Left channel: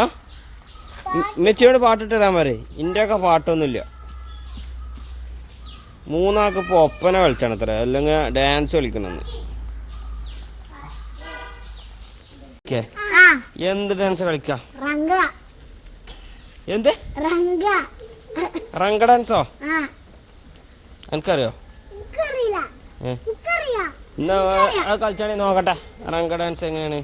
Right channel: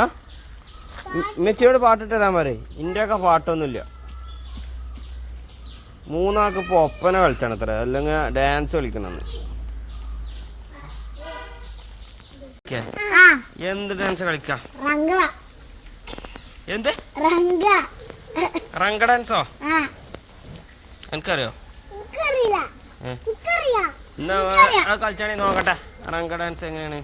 ആ? ഇന്നച്ചിയോട് പാട്ടിട്ട് തരാൻ പറയേ. ഇന്റെയൊക്കെ പാട്ടൊന്നുമില്ല. മൂന്നാൾക്ക് ഇപ്പോൾ ഒപ്പന കളിച്ചാണ് അത്ര. അല്ലെങ്കിൽ ഡാൻസ് കളിക്കണമെന്ന് ഓക്കെ. ആ. എന്ത് ഡാൻസ് കളിക്കാ? എന്ത്? റങ്ക. ഡാൻസോ ആ. എനിക്കറിയോ? എന്നാ കളിച്ചാണെ നോക്കട്ടെ. റങ്ക ഡാൻസ് എങ്ങനെയാണ്?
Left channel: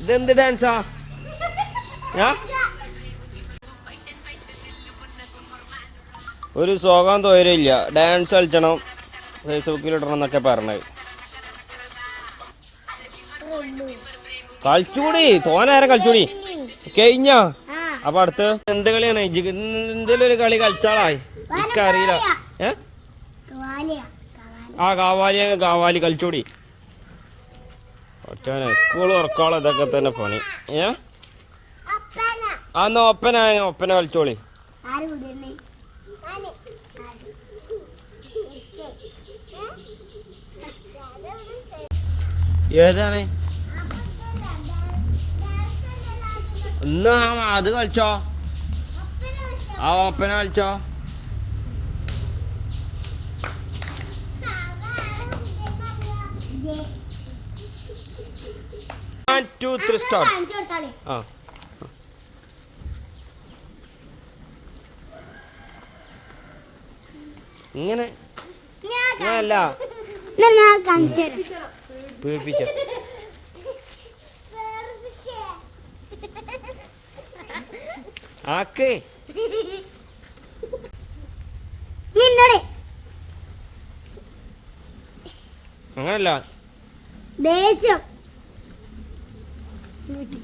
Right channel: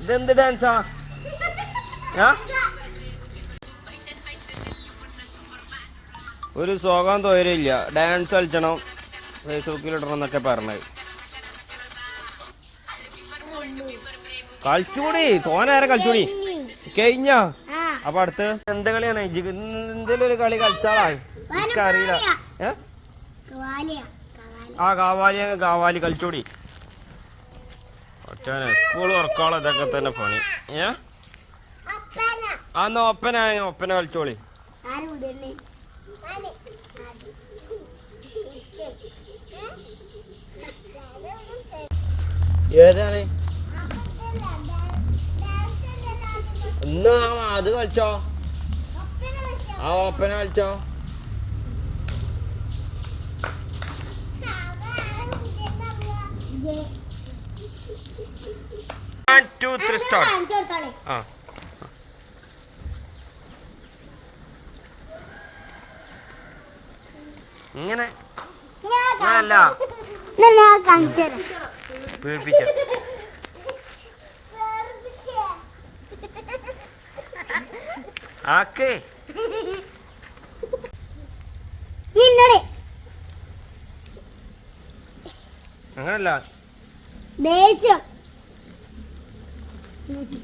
ഇതെന്ത് ഡാൻസാ ആ? ഒരു സുഖം തോരില്ല ഡാൻസ് കളിച്ചണം. ഫേസ്ബുക്കിൽ ഇടണം എന്നൊക്കെ പറഞ്ഞത്. കളിച്ചൂടി. തോനേരം കളിച്ചൂടി. കഴിഞ്ഞ? അപ്പൊ അടുത്ത് എന്ത് കളിയാണ്? എന്തെങ്കിലും ഒരു കളി കളിച്ചാളായി. എനിക്കറിയില്ല. ഏ? ആ കാവാലി കാവാലി കളിച്ചൂടി. ഒറ്റനെ സ്കൂൾ ഉറക്കോളം ഇതൊക്കെ തന്നെ പണി. ഏ? അന്ന് ഒപ്പന ഒപ്പന കളിച്ചോളി. ഏതാണ്? എന്നാ അത് കളിച്ചോ? ആ ഒപ്പന കളിച്ചോ? വൺ ടു ത്രീ സ്റ്റാർട്ട് ആ. ഇങ്ങനെ. അല്ല ആക്ക്. നിന്നോട് അങ്ങനല്ല. ദേഷ്യം. Ну, люди.